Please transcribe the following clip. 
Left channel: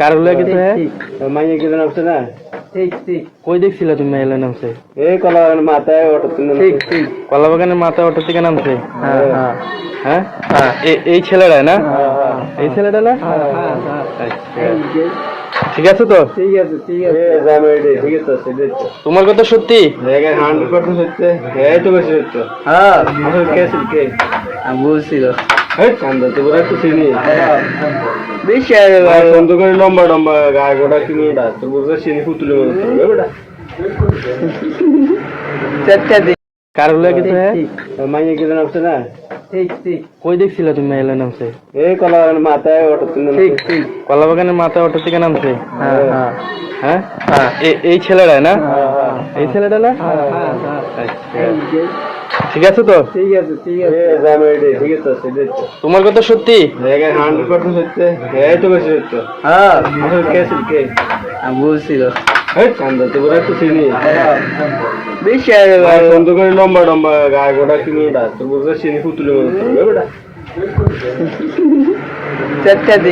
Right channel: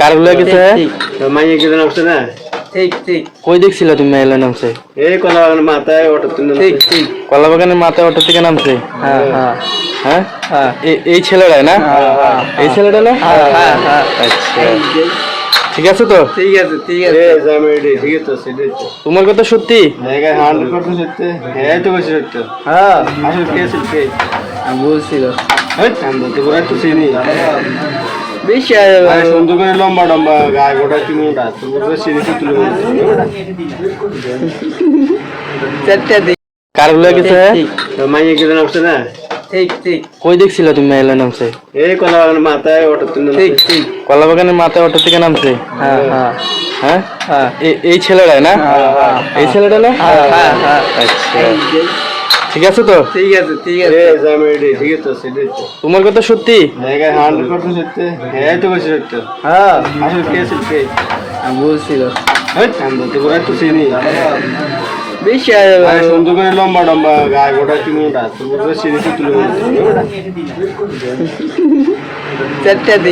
কার হলো গেছে? মাইয়ে কি নামছে না? ঠিক ঠিক কই দেখছিল তুমি মেলা নামছে? এই কলা বাগানের মাথায় অটো তুলে ঠিক ঠিক কলা বাগানের মাথায় অটো থেকে নামছে? হ্যাঁ হ্যাঁ হ্যাঁ হ্যাঁ এই ছেলেটা না? এই ছেলেটা না? হ্যাঁ হ্যাঁ আচ্ছা ঠিক আছে তো? ঠিক আছে ঠিক এ আছে জামাইডি ঠিক আছে সেটাই তো তোমার কথা সত্যি? দেখেন 100% সত্য হ্যাঁ তো বেশি সত্য হ্যাঁ আসলে কে সত্যি আমি বলছিল এই আমরা তো বলে তো চিনি বেশি আছে ভাই সুন্দর করে লম্বা লম্বা গায়ে গোটা তুমি না তুমি তো চিনি তুলে বলছো চারটা দিন কার হলো গেছে? ঠিক মাইয়ে কি নামছে না? ঠিক ঠিক কই দেখছিল তুমি মেলা নামছে? এই কলা বাগানের মাথায় অটো তুলে ঠিক ঠিক কলা বাগানের মাথায় অটো থেকে নামছে? হ্যাঁ হ্যাঁ হ্যাঁ হ্যাঁ এই ছেলেটা না? এই ছেলেটা না? হ্যাঁ হ্যাঁ আচ্ছা ঠিক আছে তো? ঠিক আছে ঠিক এ আছে জামাইডি ঠিক আছে সেটাই তো তোমার কথা সত্যি? দেখেন 100% সত্য হ্যাঁ তো বেশি সত্য হ্যাঁ আসলে কে সত্যি আমি বলছিল এই আমরা তো বলে তো চিনি বেশি আছে ভাই সুন্দর করে লম্বা লম্বা গায়ে গোটা তুমি না তুমি তো চিনি তুলে বলছো চারটা দিন